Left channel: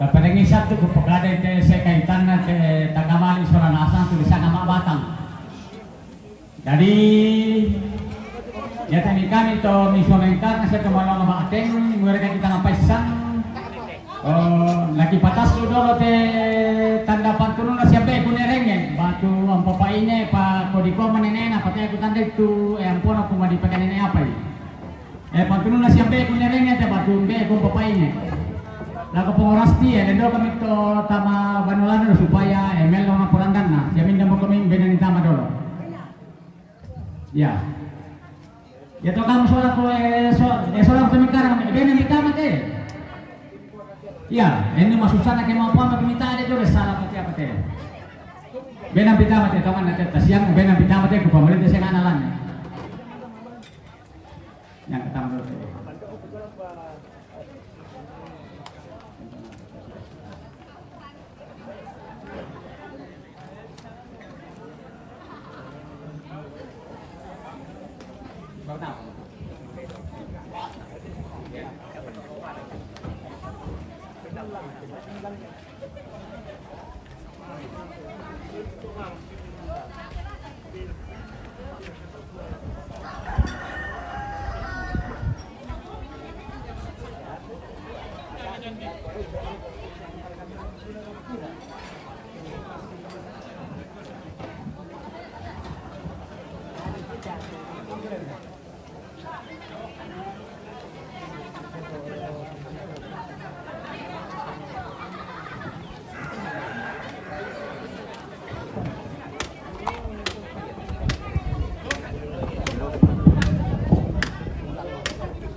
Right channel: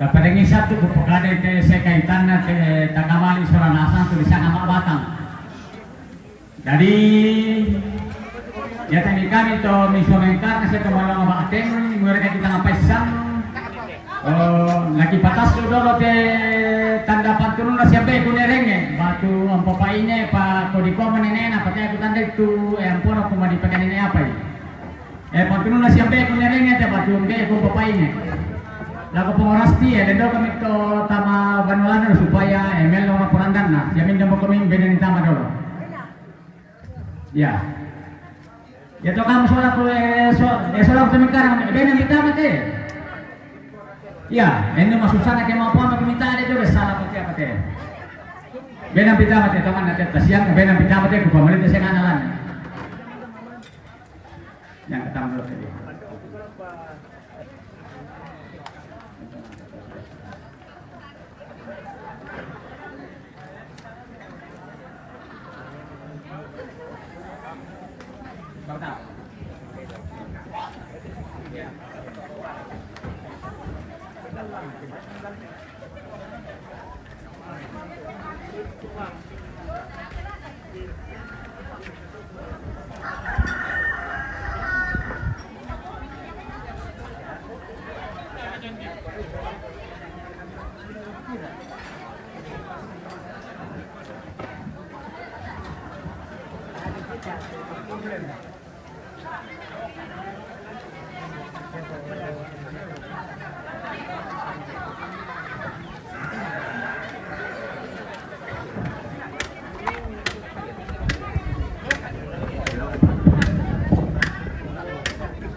Kapadengi satu kupagada te sa kaitan na te tagamali Soranasan tulisan nama Batang. Jadi ya tadi kami to misionengkar na sa kamalong bakateng mereka kita ngapaisan lagi patas dulu te tanda pantunun na siya be kunerenge batu ang papaine pa kodiko manenena pati aku tanda itu ampun aku madipakanene apa pantunun na siya be kunerenge te batu be aku papaine lagu pengorasti dan doa kami to tama banulan supaya emel na kurangdan na jamin demo kami benan tama dulu ya ya to kamu soal ko soal kami karang benan tama te ya ini masusana ke mau apa minta ada itu salah pati apa teh benang pita mate teman nanti siang benang pita mate ku pamalit saya nganalan yang ketang dulu tadi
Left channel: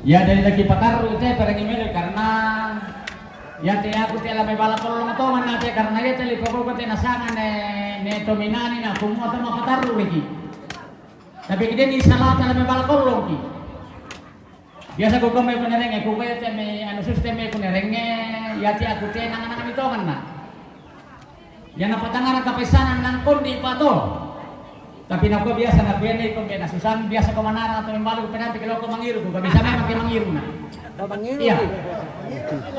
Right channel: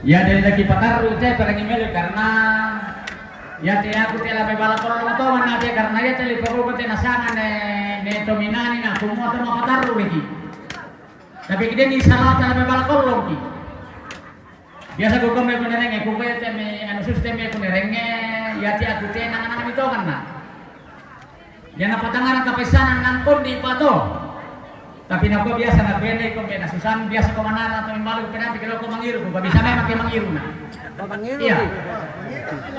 ya dari lagi pataru teh perang email karena ya teh aku teh lame bala kolong to mana teh karena ya teh lipo ko teh nasangan ne dominani na kumo teh mau pataru lagi tapi kita ni salah teh lame bala kolong ki biasa ko me kunerenge ko ya teh me anu sistem me kunerenge ya teh aku teh nangan itu kan na ya na patangan ta pesanan nang kon di pato tapi naku biasa na bene ko bena susan biasa ko manara atau membalu penanti kalau ko mangiru ko bisa memang ke mangiru na iya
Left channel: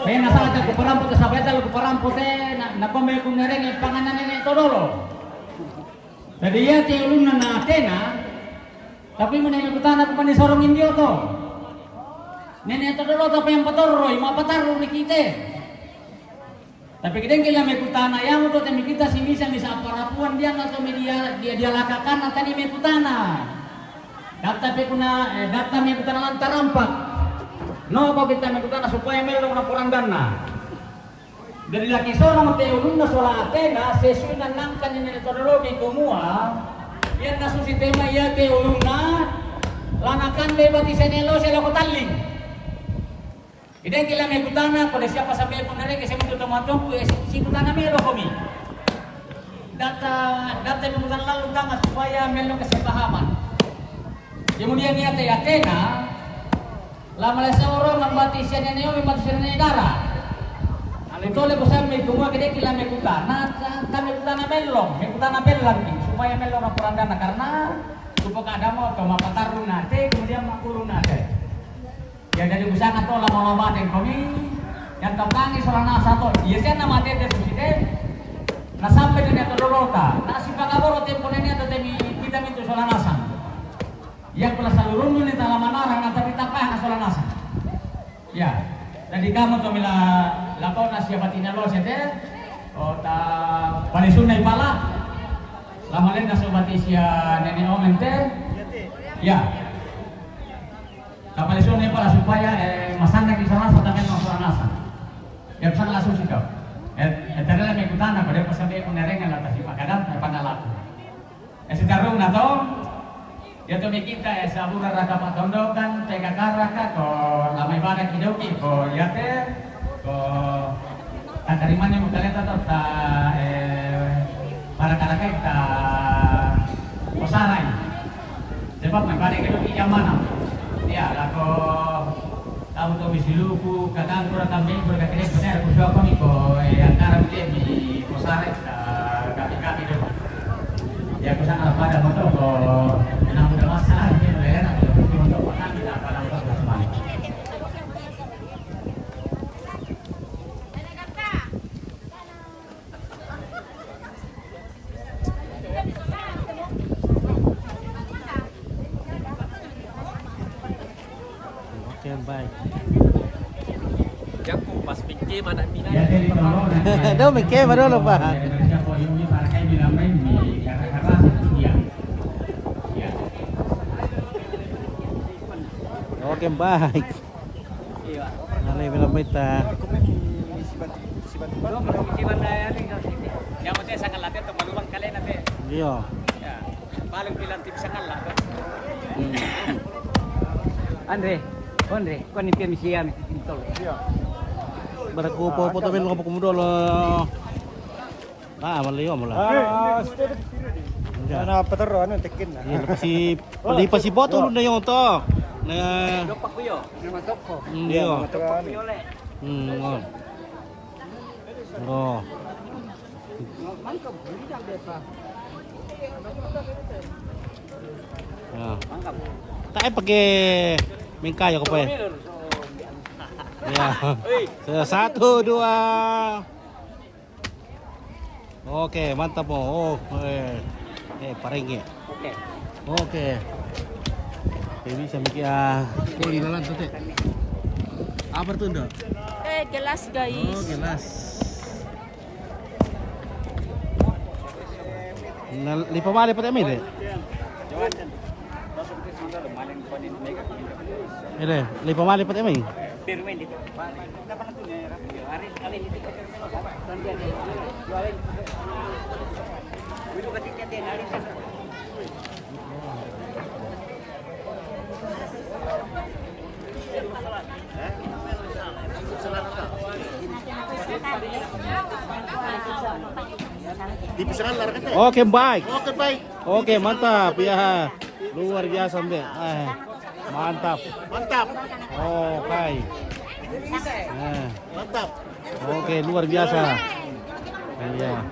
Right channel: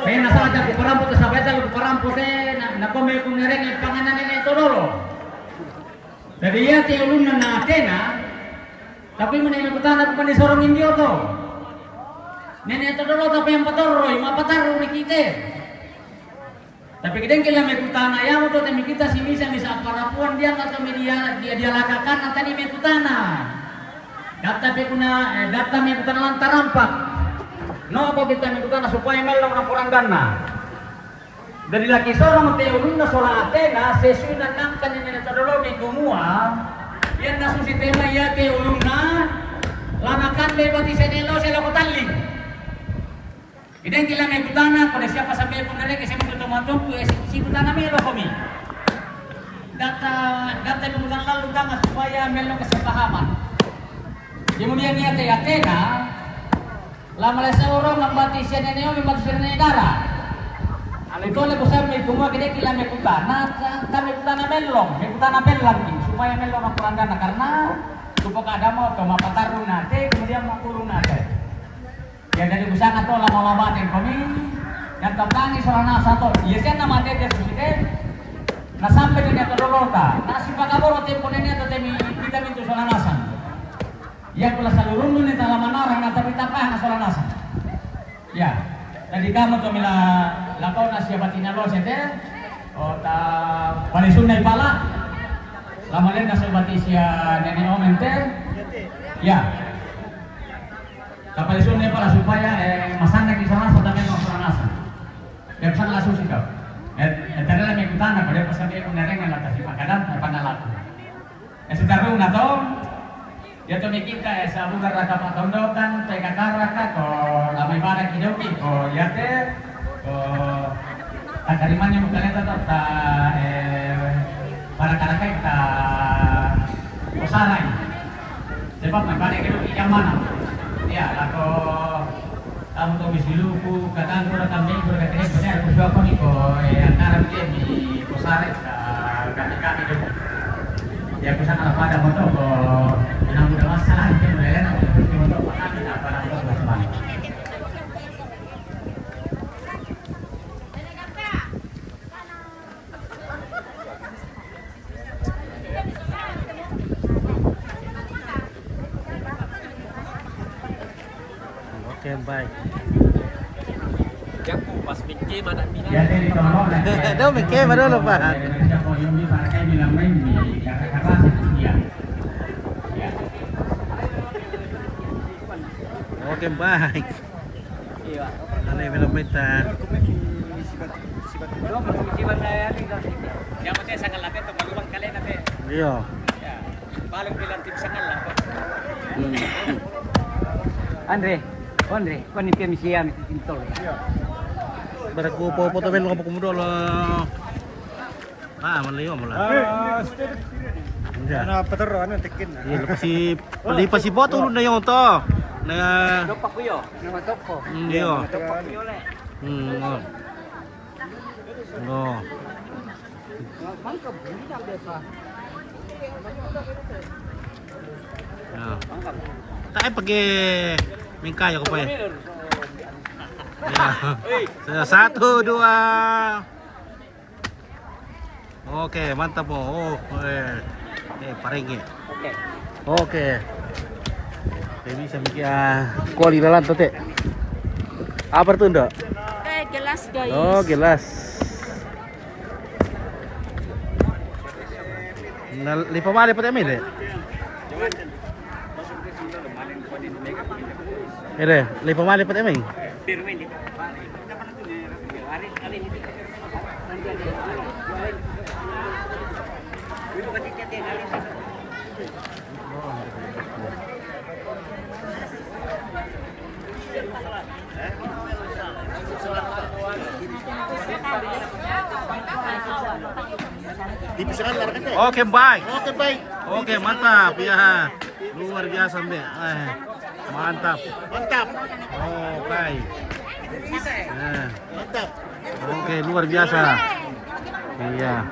kaya nasalah ko parampo sa sabay ko parampo te na ko me ko nereng panganan nene todolo jadi ya ti ulun na atena tapi menene kutana ko panisorong indio to nene todolo tapi yang patoroy mapataro ni kite tapi kita kila mekutana ya moto temi kita si misang bisa parapuan dia atau media dia lakakan tadi mekutana data pekuna data mekutana lantarampak no apa kita mekutana supaya melong rapurang dana dari laki sorong te ulunda sorang atena sesuai nangkan ini metodologi kumua yan nasusitema ya te ulunda lanakan bebati senelo selo kutaling Iden kila may kutana pada siapa sampai pun nare kasi mo tumatong si kutana melo kami. Data mo mutan lalu tanga supaya melo kesepahaman. Kemudian niya te Athena lama sa orang ngambati siya neneo may matusya na negara. Ito le bosan may tunga kede kila may kutana kami kutana melong, may kutana pelang supaya melo na kurangana karena supaya ada mo to mapatarung nate kemudian makulung nate. Ya dari busana to lama-lama den kami yang tampangi sorana satu ya sen nama tete presiden na sampai dengan todolota na si pagaboro tempo nene to temi kita mintu sorana san yang pula seluruh ni talamanarang na tapi tapah na sorana san ya tadi kamu to mila lakau na siya batina lo sete o ta palisun na ipala lamalen na sobati siya nene omente ya kapalisun ni pala supaya masanda di sana sampai nasa. Dia pesan langsung sih kau. Tadi lah mengikutan apa dia pesan dia kunereng yang atas pakadan pangalaku. Sekarang nato ya to kita sabura raka patondo kan teka karaka ko lamay bana kidoki ko yate ko takarimannya mukaleta to ta para karaka ta kosaray. Sebab may bana kidoki yang mana? Ya, lako kamu tuh misiluku kadang kurang kambing kurang kene benar aku suka nih kok antara dia di posare kami dulu ya bisa ala pada motor kok yang udah masalah dia mulai nak motor kami tak akan apa Yang pas pinggir mana mina. Đâu mình kê mà đâu là bà. Oke baik. Iya. Nanti film kita. Yang penting sangat latih untuk maluang kalian nanti. Iya. Ya, paling bilang tim sangat lah. Andre, kau ni kami siam intol. Iya. Baraku foto men kapag kumudo lo. Ah, mali mo mula. Ano pataro ano tekin na. Iya, lepas si foto lu na yung to. Na Dopak ko yo, nama toko. Iya. Dopak ko yo le. Oh. Oh. Mangka buli na beta. Ya. Mangka. Tayo pag mingkaya ko pa eh. Ya. Satu, dua. Oke, mantap mo. Oke, parengi. Oke. Oke. Baby bisa mikir kuali lalan tuh teh. Apa tuh ndak? Gelas guys. Oh, gelas. Nah, lipa mali pa temi deh. Ede, lipa mali pa temi. Bermain di depan. Dapat tu ni. Hari ni. Nanti ada. Dulu ketika dia nari. Dipisahan lar kate. Oke, baik. Oke baik. Oke, mantap ya. Luar biasa, Mbak. Mantap. Mantap. Oke. Nah. Mantap. Oke, luar biasa. Iya.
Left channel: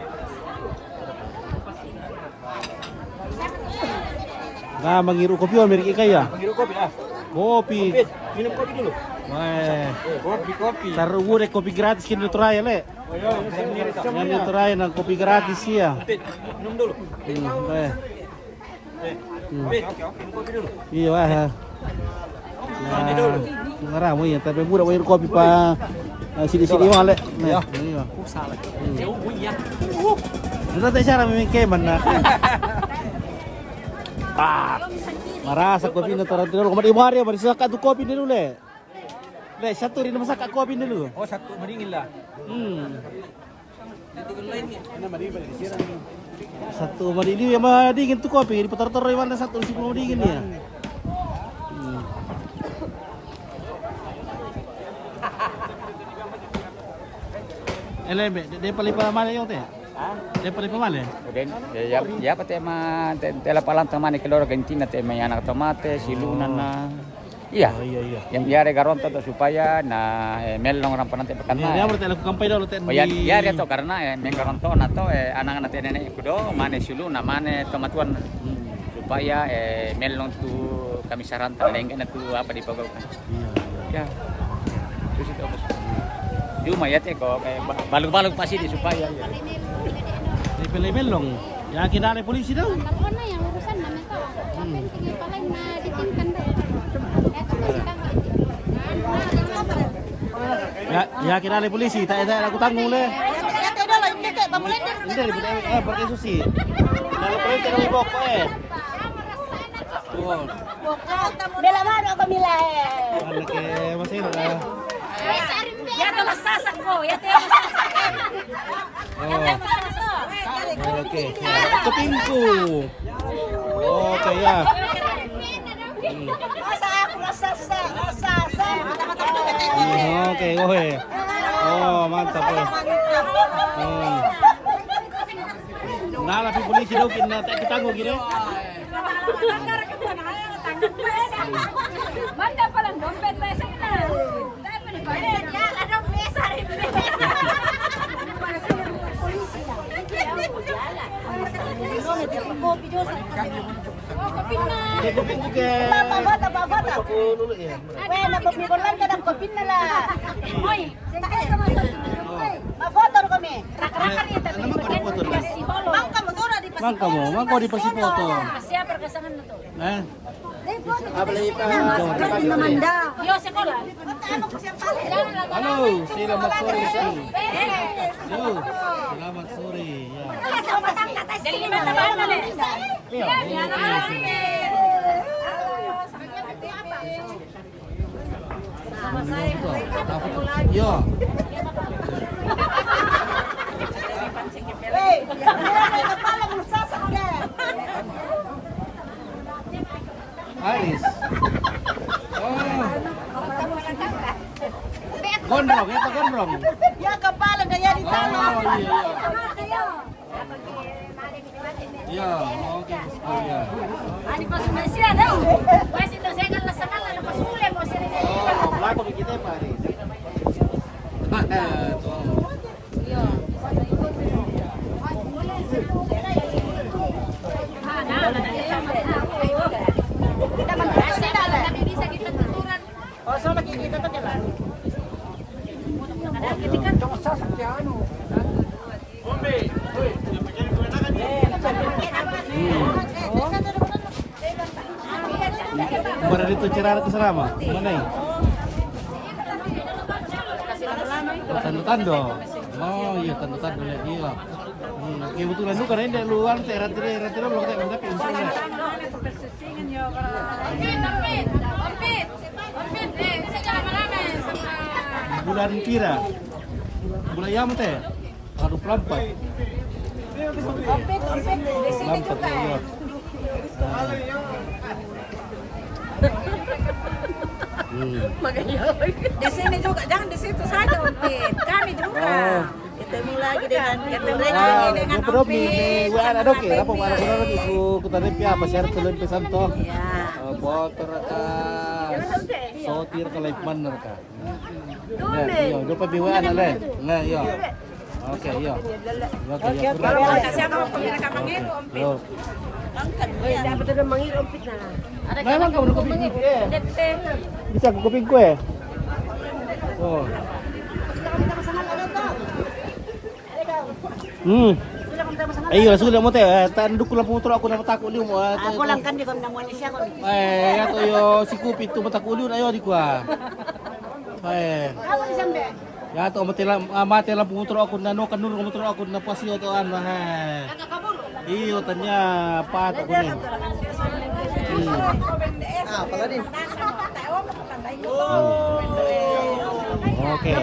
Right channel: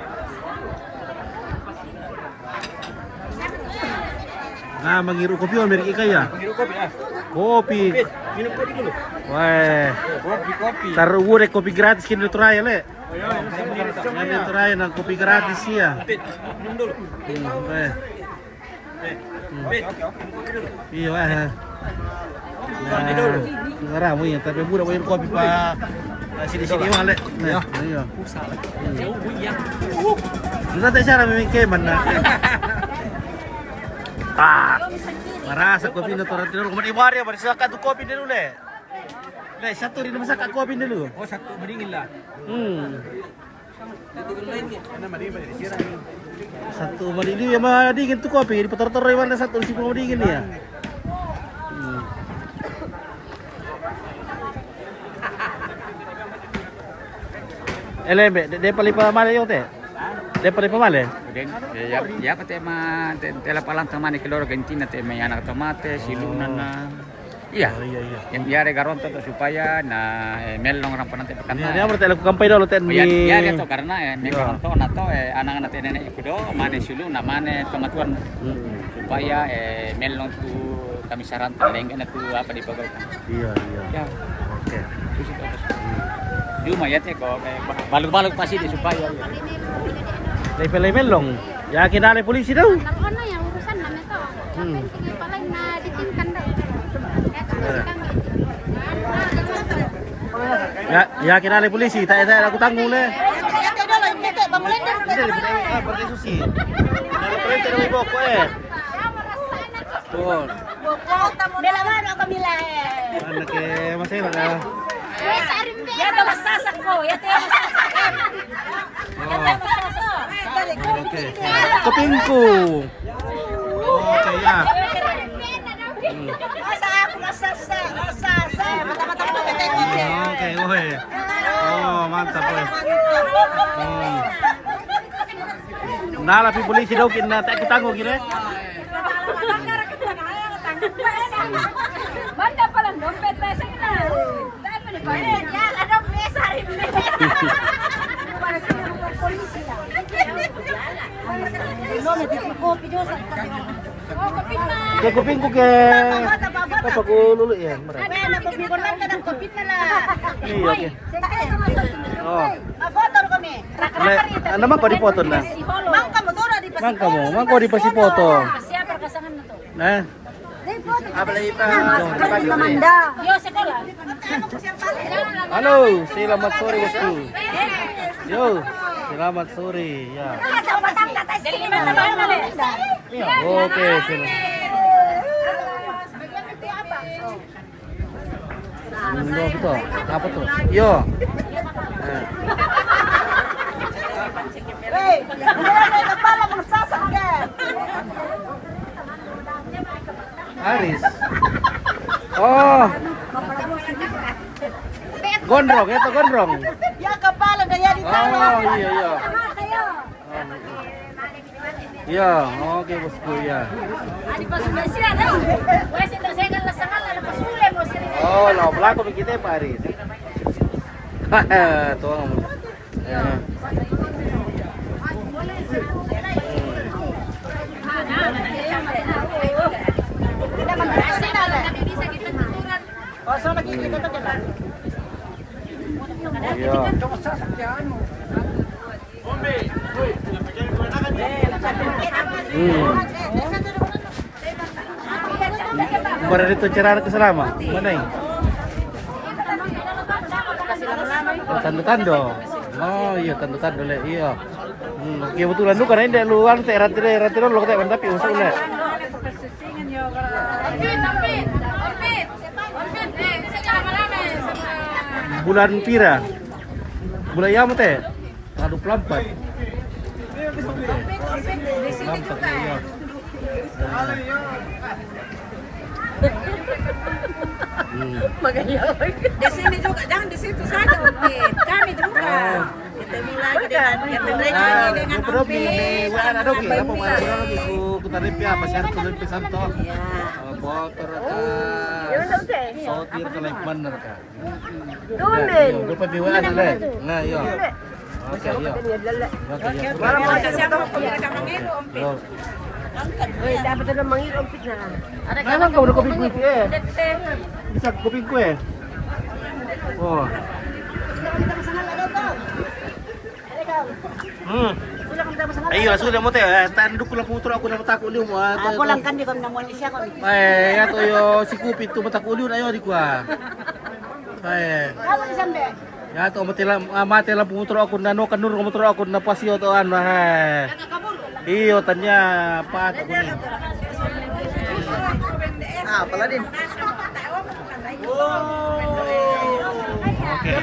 Nah, mengiru kopi o milik Ika ya? Minum kopi ah. Kopi. Minum kopi dulu. Wah. Kopi. Taruh gue kopi gratis kini trial le. Ini trial nang kopi gratis ya. Minum dulu. Wah. Oke, minum kopi dulu. Iya wah. Nah, ngaramu ya, tapi budak bayar kopi pa. Sini-sini mah le. Nah, iya. Jauh buyang. Nanti cara memang keman na. Ah, marasa kopi na torang dulu. Kemarin ibu hari bersih tu kopi dulu le. Le, satu rin masak kopi dulu. Oh, satu mendingin lah. Satu madingin yang madingin tu kopi. Di petor-tor mana satu di sini madingin ya. Elembe, de palipa mana yung te? De palipa mana? Kemudian ya kata mah tela palang teman keloro gentina teh mah anak tomate silunan na. Iya. Oh, iya. Yang biar garonto tuh supaya melong orang penante pekan. Dia berarti laku kampai dulu ten. Ya dia tuh karena garonto nato anak-anak nenek kudo mane silu na mane tomatuan supaya melong tuh kami saran terlenggan tuh apa dipagaukan. Iya. Ya. Oke. Terus itu apa? Cuma ya teh kok baluk-baluk pasti di supaya. Lepel melong. Ya kena oleh polisi dah. Nakona yang urusan namin to. Sige paling na ditinkan daw. Ya kena oleh polisi. Tak aku tanggung le. Yate dolo, yate pamulin din. Hindi, berarti susi. Dari polisi dari boko Tuh. Bela mano kami lahe. Anak ke masih ada. Yate masasak ko, yate masasak. Yate masasak. Oke. Kopinku. Oke ya. Masa ako masasak. Oke, oke. Oh, mantap weh. Nala pi polisi daw kin tak kitanggo gire. Banda pa lang dompet tayo sa ina. Dahil mo ni ba? Ya, ano pesa rin. Para sa mga polisi na. Kayak kupingku ke. Pagululo yan. Well, nabubikulan ka ng kopin na lang. Uy, Oh. mafotor kami. Ano man ko di foto na? Mangka mo to, di pa Mangka mo di pa si foto. Siya perkasangan mo to. Nah. Yo sekolah. Halo, selamat sore bosku. Yo, selamat sore ya. Dari mana mana deh? Oke, sini. Betul. Apa tuh? Yo. Aris. Oh. Gondrong, itu gondrong. Ya kepala daya di Oh iya. Iya, oke bosku ya. Ani pas sudah siap dah. Wes itu saya kan lesangan ada pas mulai mau sini. Oh, no, belako kita Pak Aris. Tuang. Ya. Oh, so lagi kita tuh jalan. Kemarin itu cerah ke selama. Mana ini? Oh, tando-tando. Oh iya tando-tando le. Iya. Kebetulan lu karena ini luar teh ratiro lu kata tapi usul le. Bulan pira? Bulan ya teh? Tanggal 24. Lampat ya. Di sini juga, jangan di situ saja Ompit. Kami juga. Ketemu lagi dengan Ompit. Ada oke, apa mana lagi ku tarif apa share tulen pesan to. Ya. Motor ka. Sotir ka live manner ka. Donde? Yo, lupa biwaan ale. Nah, yo. Oke, yo. Oke, yo. Kasih ako pamira ka mangero Ompit. Yo. Angkat. Sabi to mangero Ompit na. Memang kau udah kopi gue eh. Bisa aku kopi gue. Oh. Ayo sudah mau teh. Tanduk kula putra aku dapat takut liu. Ako lang kan di ko namuan siya ko. Ya to yo si kopi tu mata kuliun ayo di kuah. Kamu di sambe. Ya to mati lah putra aku nano kanur putra aku na pasio to an ha. Iyo tanya apa aku ni. Apa tadi? Oke.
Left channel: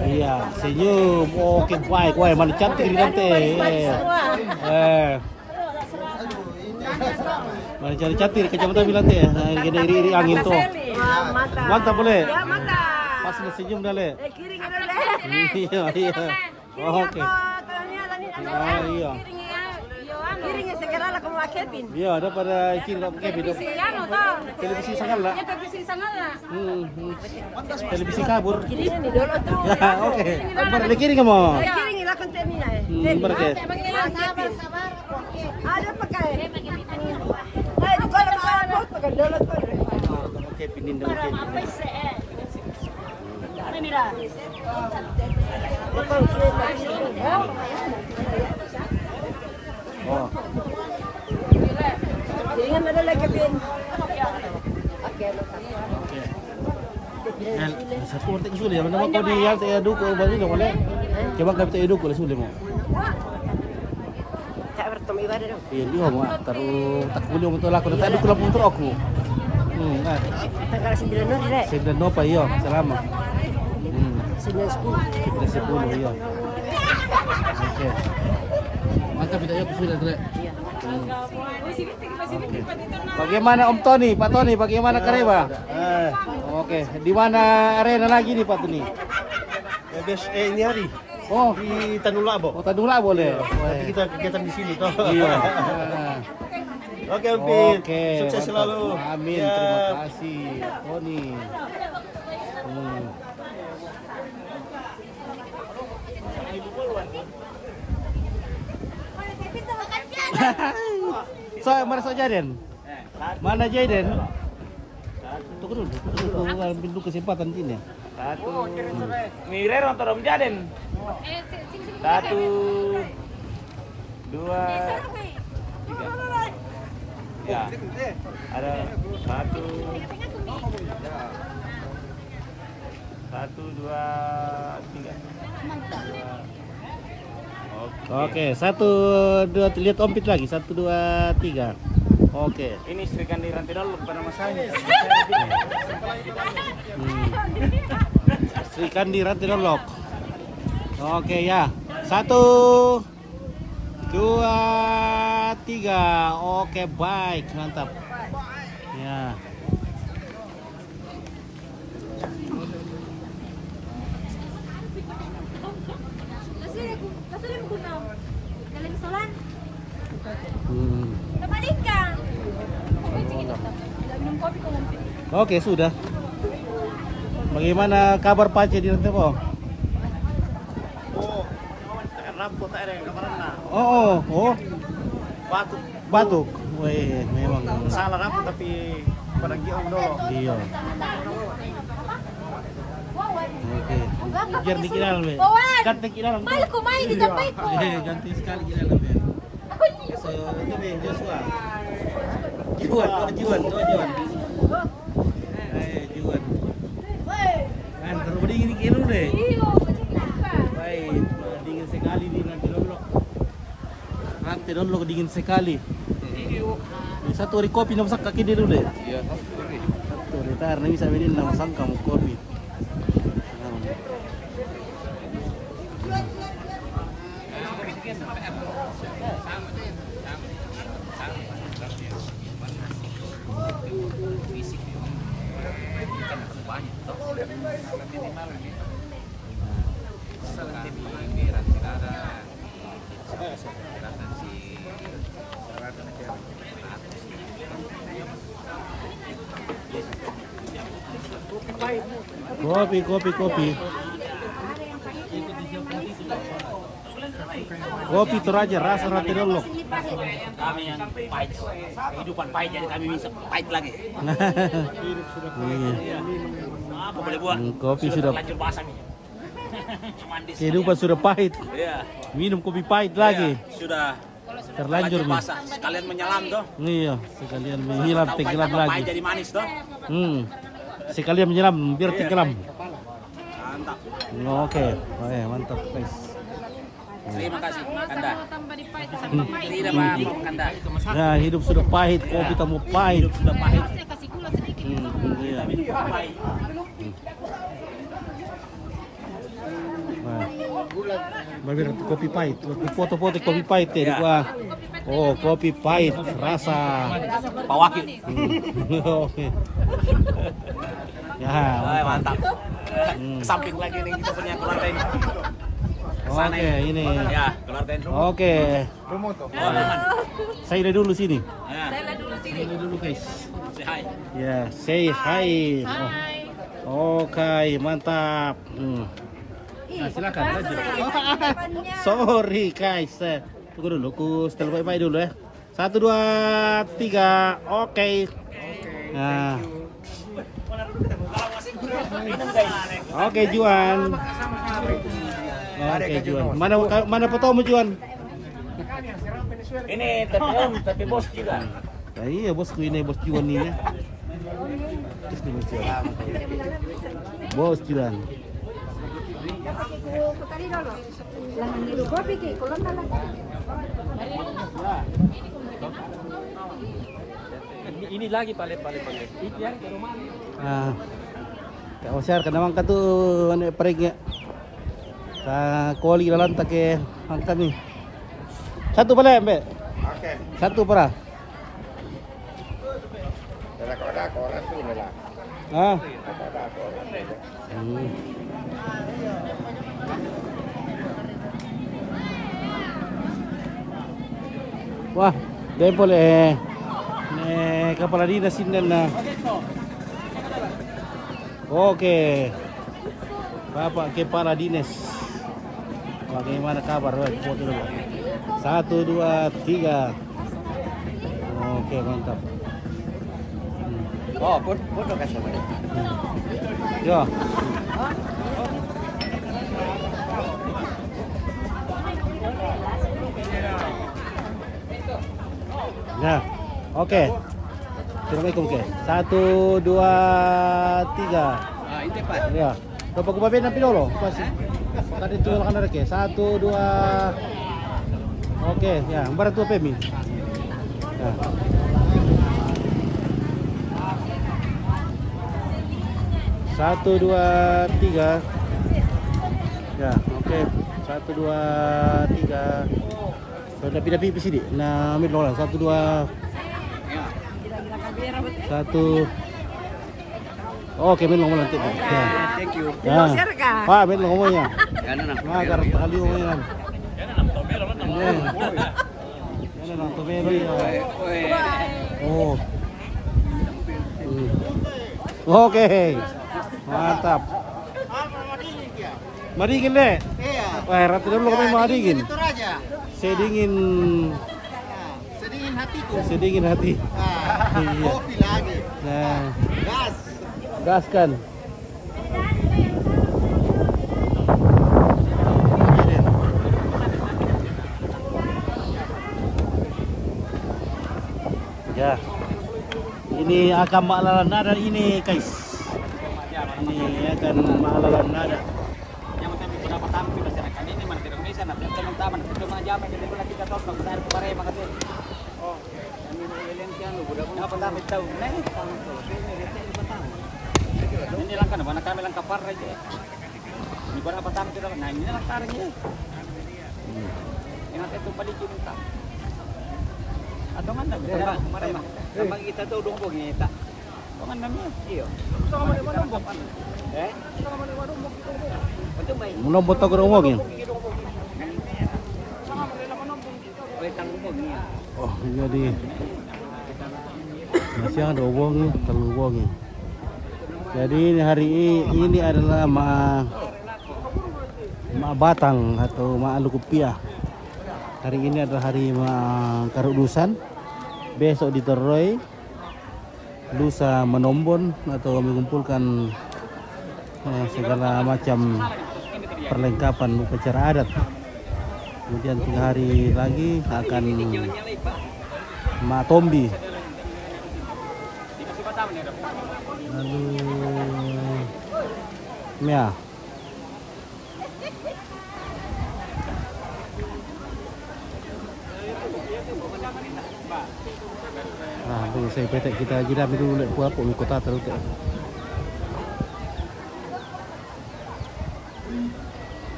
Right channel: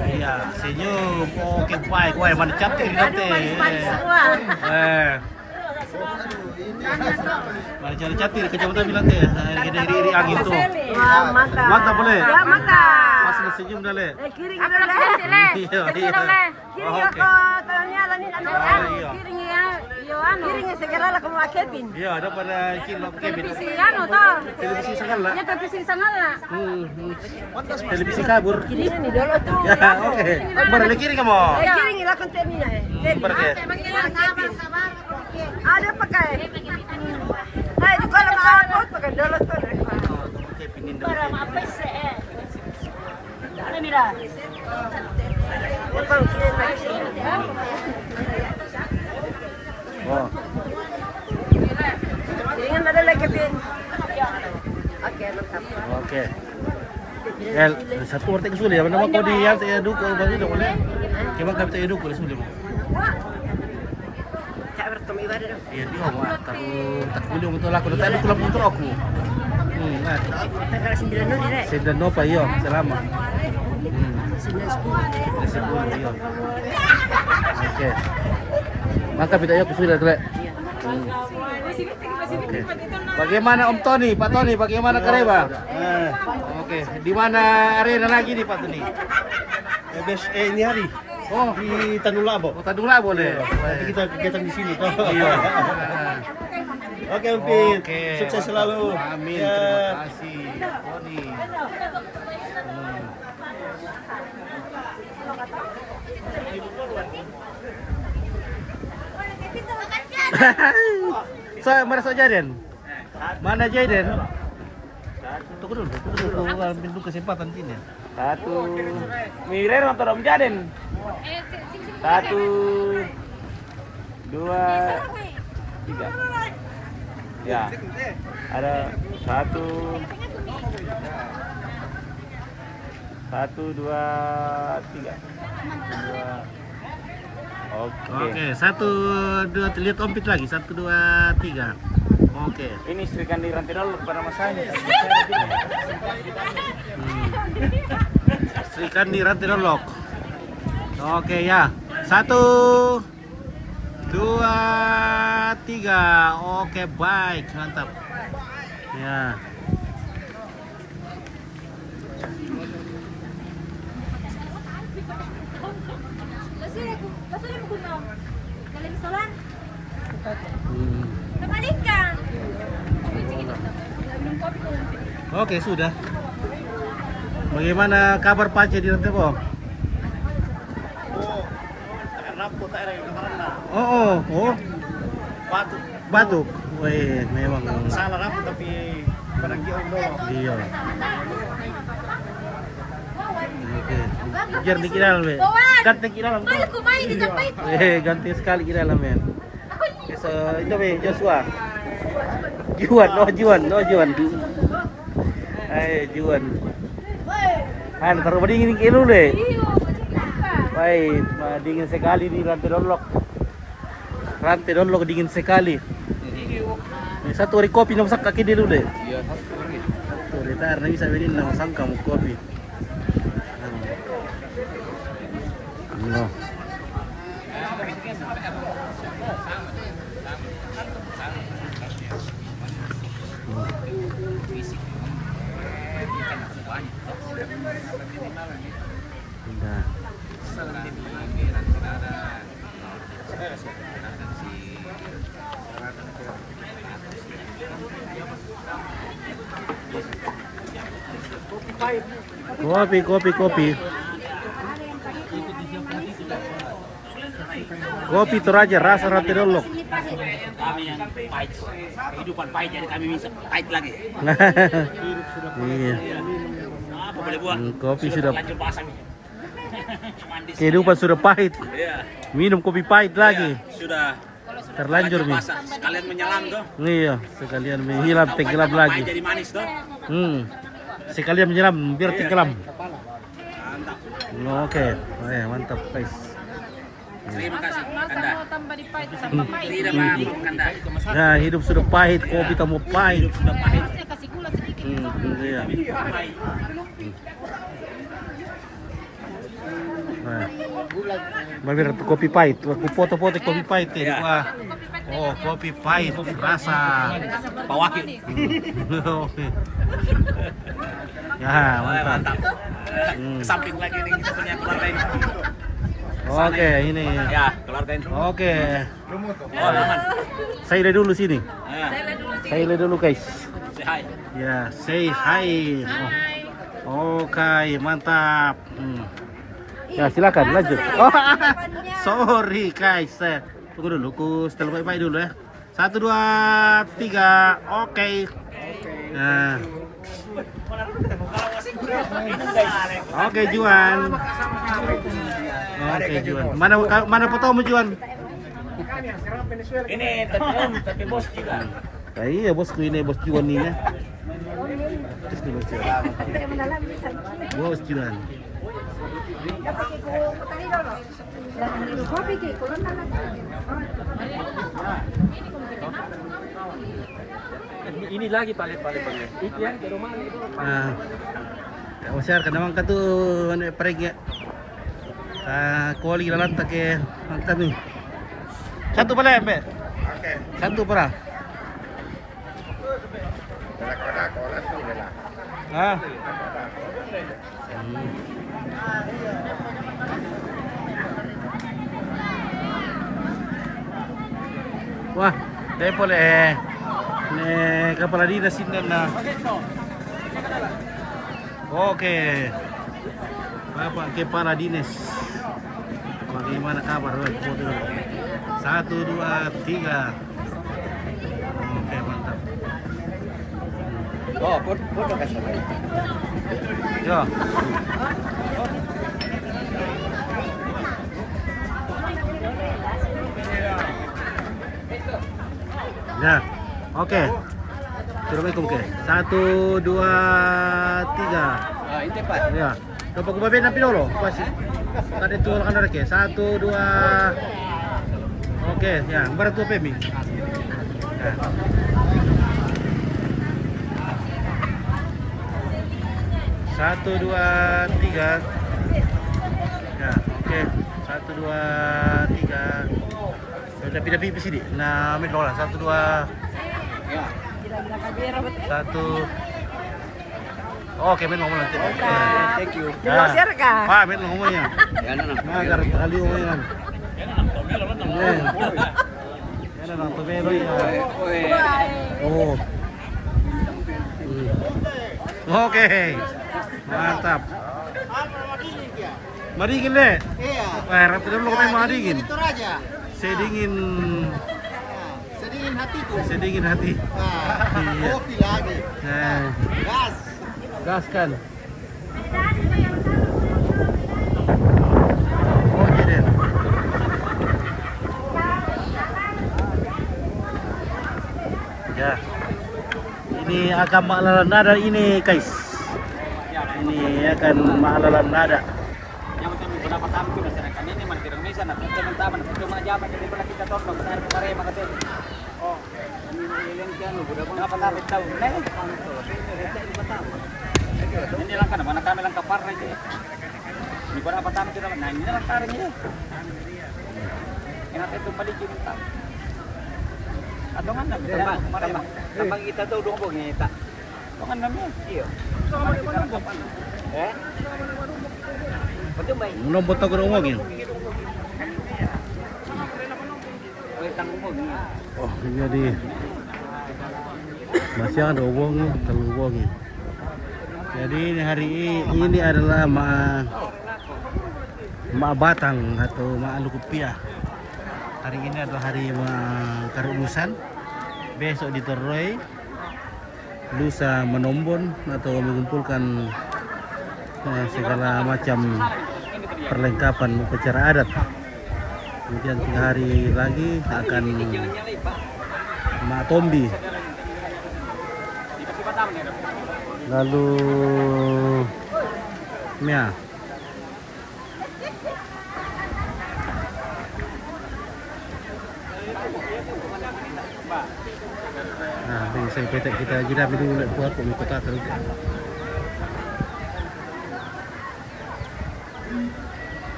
Iya, senyum. Oke, kuai mana cantik ini nanti. Mana cari cantik kecamatan bilang teh. Gede iri angin tuh. Mantap boleh. Pas lu senyum dah le. Iya. Oke. Iya, ada pada kilo Kevin. Televisi segala. Televisi kabur. Ya, oke. Bara le kiring mo. Kiring ila kontenina Ada pakai. Ay, di ko alam ako pakai download pa. Oke, pinin dulu. Para apa sih? Ano mira? Oh. Kiringan na lagi pin. Oke. Ya, satu ortek sulit ya. Nama kau di yang tak aduk kau bagi dong boleh. Kemang kau tak aduk boleh sulit mo. Tak bertemu ibadah dong. Iya dia mah taruh tak boleh untuk laku. Tak aduk laku untuk aku. Tanggal 9 no dire. 9 no pa iyo, selama. 9 10 iyo. Oke. Maka kita yuk sudah dulu. Oke. Bagaimana Om Tony, Pak Tony, bagaimana Kareba? Oke. Di mana arena lagi nih Pak Tony? Ini hari Oh, di Tandula Bo. Kota Dula boleh. Nanti kita kegiatan di sini toh. Iya. Oke, Umpit. Oke. Sukses selalu. Amin. Ya. Terima kasih. Tony. So, mana so Jaden? Mana Jaden? Tunggu dulu, ambil dulu kesempatan sini. Satu. Miren atau Om Jaden? Satu. Dua. Ya. Ada satu, dua, tiga. Oke, 1, 2, lihat ompit lagi. 1, 2, 3. Oke. Ini istrikan di rantai dulu pada masanya. Sri Kandi rantai dolok. Oke ya. 1, 2, 3. Oke, baik, mantap. Ya. Masih mo kuno. Galing solan. Hmm. Nabalik ka. Minum kopi ko. Oke, sudah. Bagaimana kabar Pace di rantai po? Oh, rampo tak ada yang kemarin lah. Oh. Batuk. Batuk. Wih, memang. Salah rampo tapi pada giong dulu. Iya. Oke. Biar di kira dalam, ganti kira dalam. Mahal kumain di Japit. Ganti sekali kira dalam ya. So itu be Joshua. Juan. Juan. Taruh dingin dulu deh. Iyo, Baik, dingin sekali di rantai dolok. Rantai dolok dingin sekali. Satu hari kopi nama sak kaki dulu deh. Iya, satu hari. Satu hari tar bisa berin nama sangka mau kopi. Iya. Kopi. Kopi Toraja rasa rantai dolok. Kami yang pahit, kehidupan pahit jadi kami bisa pahit lagi. Iya. Apa boleh buat? Kopi sudah Lanjut basah nih. Mandi kehidupan sudah pahit. Iya. Minum kopi pahit lagi. Sudah Terlanjur nih. basah. Sekalian menyelam tuh. Iya, sekalian menyelam tenggelam Pahit lagi. jadi manis tuh. Sekalian menyelam biar tenggelam. Mantap. Oke, mantap guys. Terima kasih Kanda. Tidak apa Kanda. Nah, hidup sudah pahit, kopi tak mau pahit. Sudah pahit. Iya. Nah, Babir kopi pahit. Waktu foto-foto kopi pahit ya. Wah. Oh, kopi pahit rasa Pawaki. Oke. Ya, mantap. Samping lagi nih kita punya keluarga ini. Oke, ini. Ya, keluarga ini. Oke. Saya lihat dulu sini. Ya. Saya lihat dulu guys. Say hi. Ya, say hi. Oke, mantap. Ya, silakan lanjut. Oh, sorry guys. Tunggu dulu, ku setel baik-baik dulu ya. 1, 2, 3. Oke. Nah. Oke, Juan. Oke, Juan. Mana fotomu, Juan? Ini tapi bos juga. Nah, iya bosku ini, bos Juan ini ya. Terus nih, bos Juan. Bos Juan. Ini lagi palet. Itu yang ke rumah. Ah. Kak Oscar kadang ka tuh ano pergi. Sa koli lalan ta ke angkat nih. Satu pala, Mbe. Oke. Satu para. Ada kolas ini lah. Ah. Wah, dahil po kepala dinas ini na. Oke, Bapak Kepala Dinas, bagaimana kabar? Foto dulu. 1, 2, 3. Oke, mantap. Oh, foto ka sama ini. Yo. Ya, Oke. Assalamualaikum ke. 1 2 3. Ah, ini Pak. Ya. Coba ku babin napi dulu. Pas. Tadi tu kan ada ke. 1 2. Oke, ya. Baru tu pemi. Ya. Satu dua tiga. Ya, oke. 1 2 3. Tapi di sini. Nah, ambil dulu lah. 1 2. Ya. Satu. Oke, main ngomong nanti. Thank you. Dilosir kah? Pak, main ngomongnya. Ya, nah. Nah, agar kali ngomongnya. Yan ang tomelo ya. Oh. Oke. Mantap. Madigin le. Iya. Wah, ratu dulu kami madigin. Itu raja. Sedingin Sedingin hatiku. sedingin hati. Iya. Kopi lagi. Nah, Gas. gas kan. Oke deh. Ya. Ini akan maklalan nada ini, guys. Ini akan maklalan nada. Yang kami pendapat kami masyarakat ini mana tidak bisa nak teman-teman cuma jaman jadi pernah kita tolong besar kemarin makasih. Oh, kami mau eleng kan lu budak apa tapi tahu nih tanto ini receh di pertama. Ini langkah mana kami langkah par aja. Ini berapa tahun kita nah ini langkahnya. Ini nanti itu paling cinta. Atau mana kemarin tambah kita tahu dong bognya tak. Kan namanya iya. Sama di mana bog? Betul baik. Belum foto ke ngomongin. Oleh tanggung bognya. Oh, jadi masih ada uang nih, terlalu uang nih. Jadi ini hari ini adalah Ma Batang atau Ma Lukupiah. Hari ini adalah hari Ma Karudusan. Besok di Teroy. Lusa Menombon atau mengumpulkan segala macam perlengkapan upacara adat. Kemudian 3 hari lagi akan Ma Tombi. Lalu Mia. Nah, ini saya petek kita jeda dulu lek buat pun kota terus.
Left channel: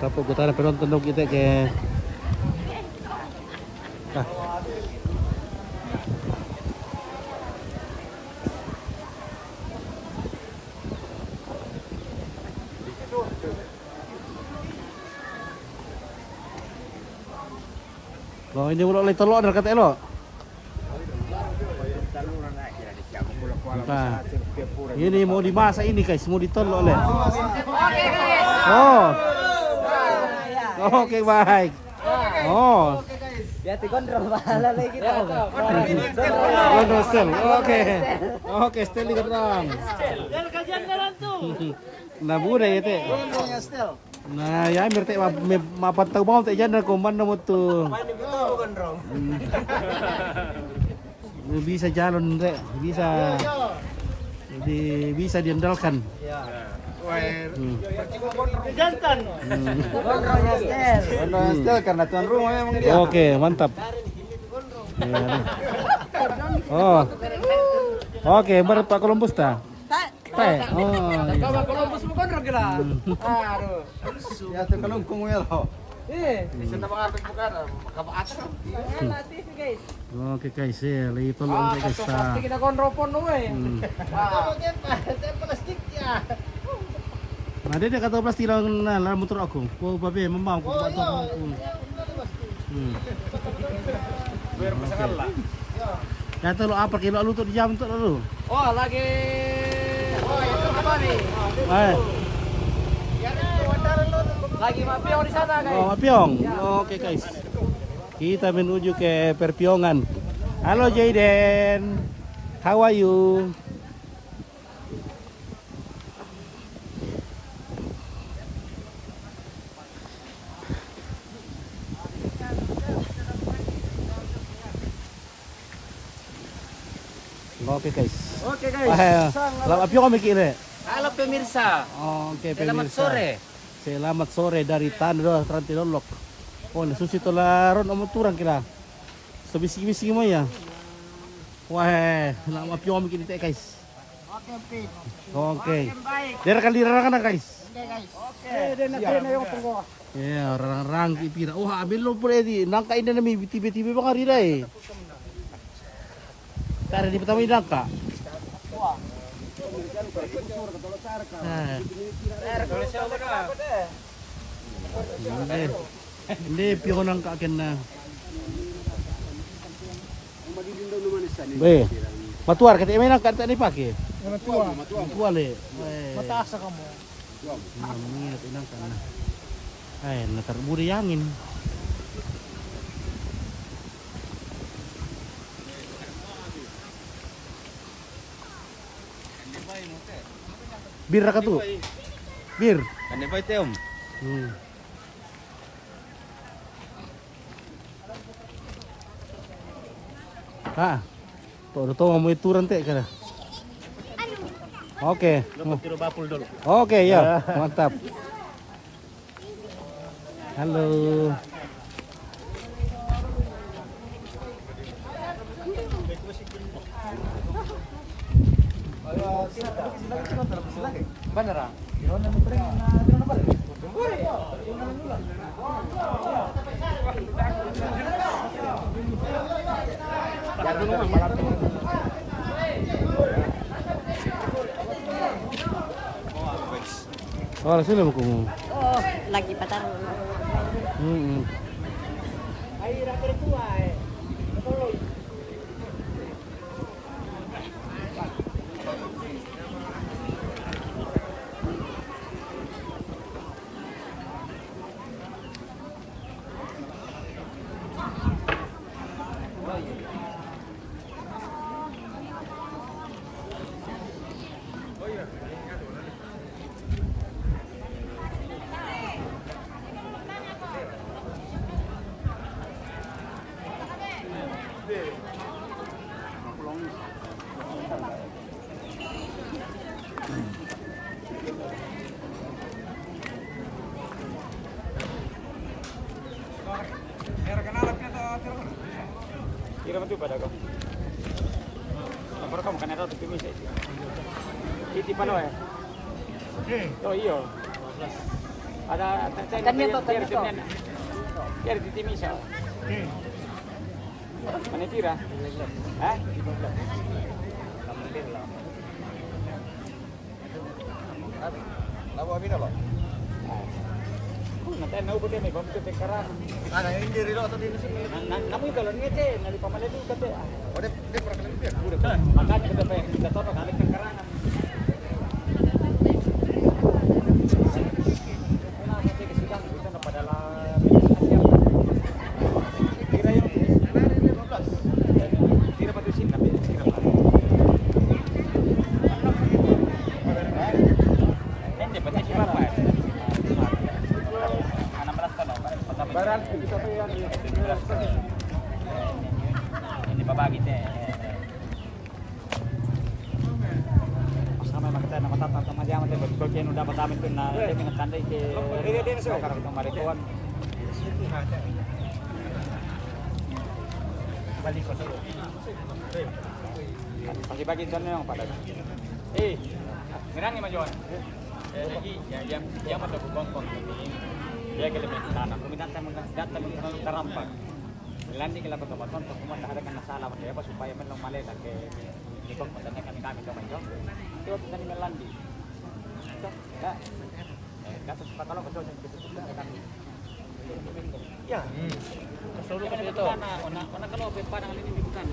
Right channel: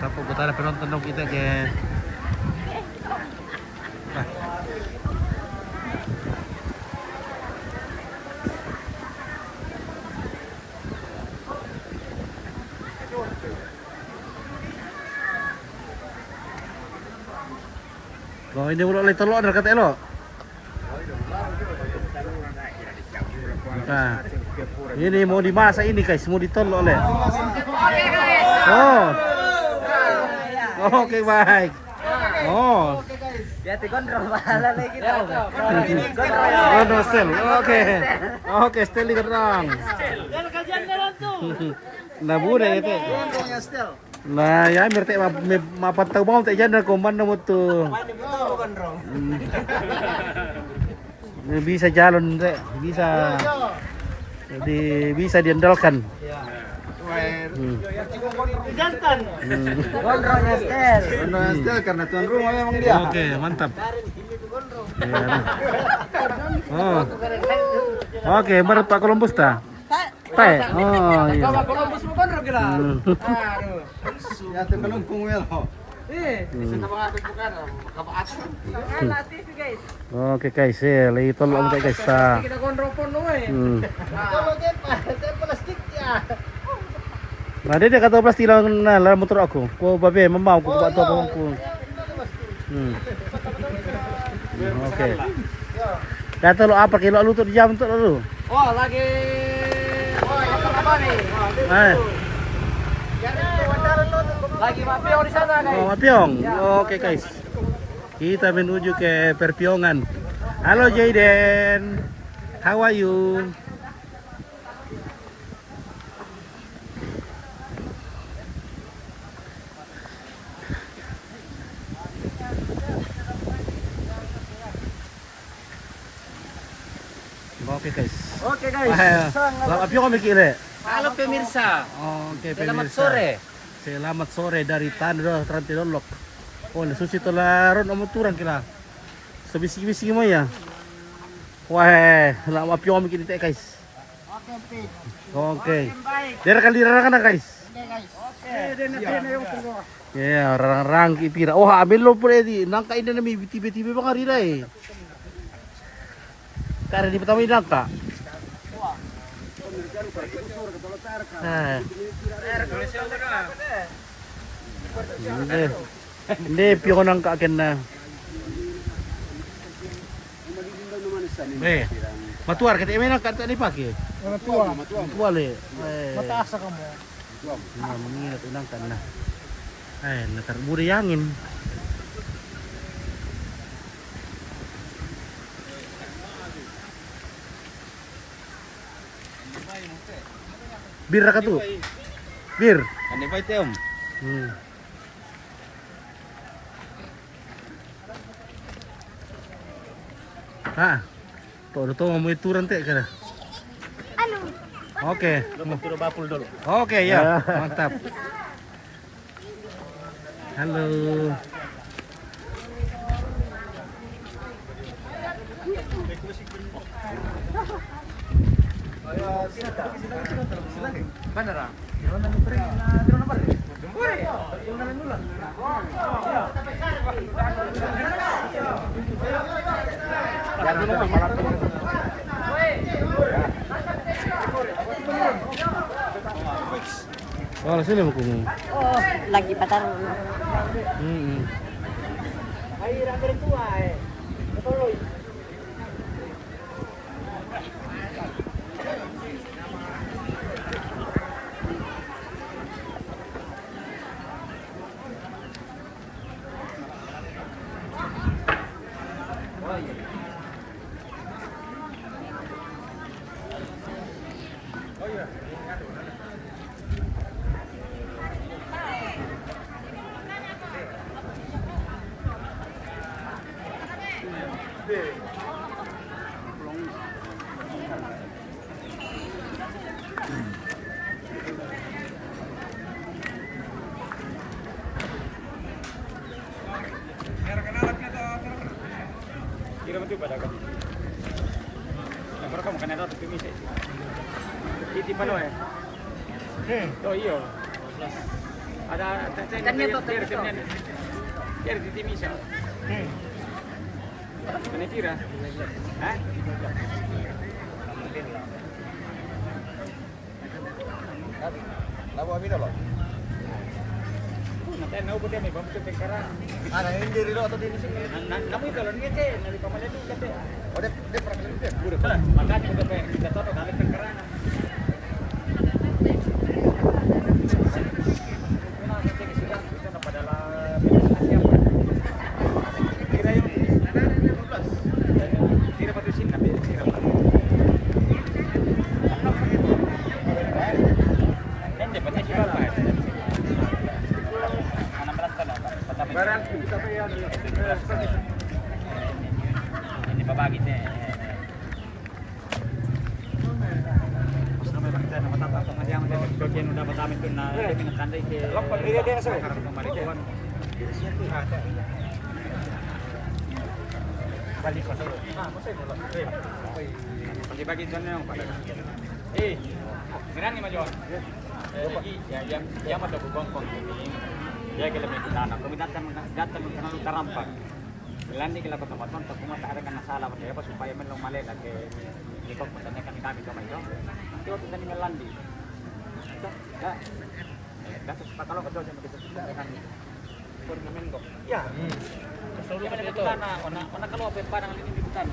Tapi kita ada penonton kita ke. Ah. Oh, ini udah telur ada kata lo. Nah, ini mau dimasak ini guys, mau ditolok oleh. Oh, oke baik. Oh, Jadi kontrol malah lagi kita. oh, sel. Oke, stel di kerang. Jangan kajian dalam tuh. Nah, bude itu. Nah, ya mirte mapantau mau tak janda ko man mo to. Bisa jalan deh, bisa. Jadi bisa diandalkan. Ya. Jantan. Stel karena tuan rumah memang dia. Oke, mantap. Ya, nah. Oh. Oke, baru Pak Columbus ta? Teh. Oh, iya. Columbus mo kontrol kira. Aduh. Ya tuh kan kumuel. Bisa mengapit bukan kabaat. guys. Oke guys, ya, lagi tolong guys ta. Kita kontrol pon we. Plastik ya. Nah, dia kata plastik lang na la motor ako. Ko babe, mamaw ko ba to ko. Oke. Kata lo apa kilo lu tuh di jam tuh lu? Oh, lagi apa nih? Lagi mapiong di sana guys. Oh, Mapiong. Oke guys. Kita menuju ke Perpiongan. Halo Jaden. How are you? Oke guys. Oke guys. Selamat pagi kami kira. Halo pemirsa. Oke, Selamat pemirsa. sore. Selamat sore dari Tanah Trantilolok. Oh, susi tolaron amo turang kila. Sebisi-bisi mo ya. Wah, selamat pagi kami kira guys. Oke, Pit. Oke. Baik. Dira kan guys. Oke, guys. Oke. Dena yung puluh. Ya, orang-orang kipira. Oh, ambil lo pun edi. Nangka ini nami tiba-tiba bang hari dah. Karena di pertama ini nangka. Hindi, piyo nangka kena. Matuar kita may nangka tadi pakai. Matuar le. Mataas ka mo. Mami na tunang kan na. Ay, natarbo na yangin. Bir ka tu. Bir. Kan ba ito om? Ah. To mau ituran teh kana. Oke. Dapat tiro bapul dulu. Oke ya, mantap. Halo. Beneran. Oh, sini mau kamu. Oh, lagi pacar. Kira mati pada kau. Yang pertama kan ada tapi misi. Titi palo ya. Oh iya. Ada Kira titi misa. Mana kira? Hah? Labu amin apa? Nanti nau putih may bambu tengkaran. Ana hindi rilo atau di sini. Namu itu loh ngece, nali pamalan itu kete. Oh, dia pernah kali dia. Makanya kita pengen kita toto kami tengkarangan. Ini babagi teh. Pas kami makita na matatang pangadiang teh betul kaya dapat kami pun na minatandai ke. Dia so karena pemarikuan. Balik ko sa'yo. Pagi-pagi dyan na yung palag. Ngerang ni Majon. Lagi, ya mata bubong kong ini. Dia kaya may kinana. Kuminatan mo datang ng karampak. Landi kila pagkabaton, pag kumataharan ka ng sala, kaya pa supaya man lang mali, kaya ikot mo tanya kami kami doon ito. Ito, ito na ng landi. Ito, ya. Dapat patalo ka doon sa mga ya. Kasolo ka dito. Ona kalau pa ng linibutan.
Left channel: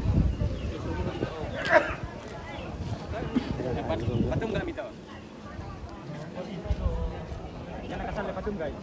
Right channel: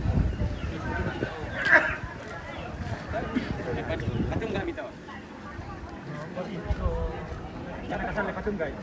Patung enggak mito. Jangan kasar patung guys.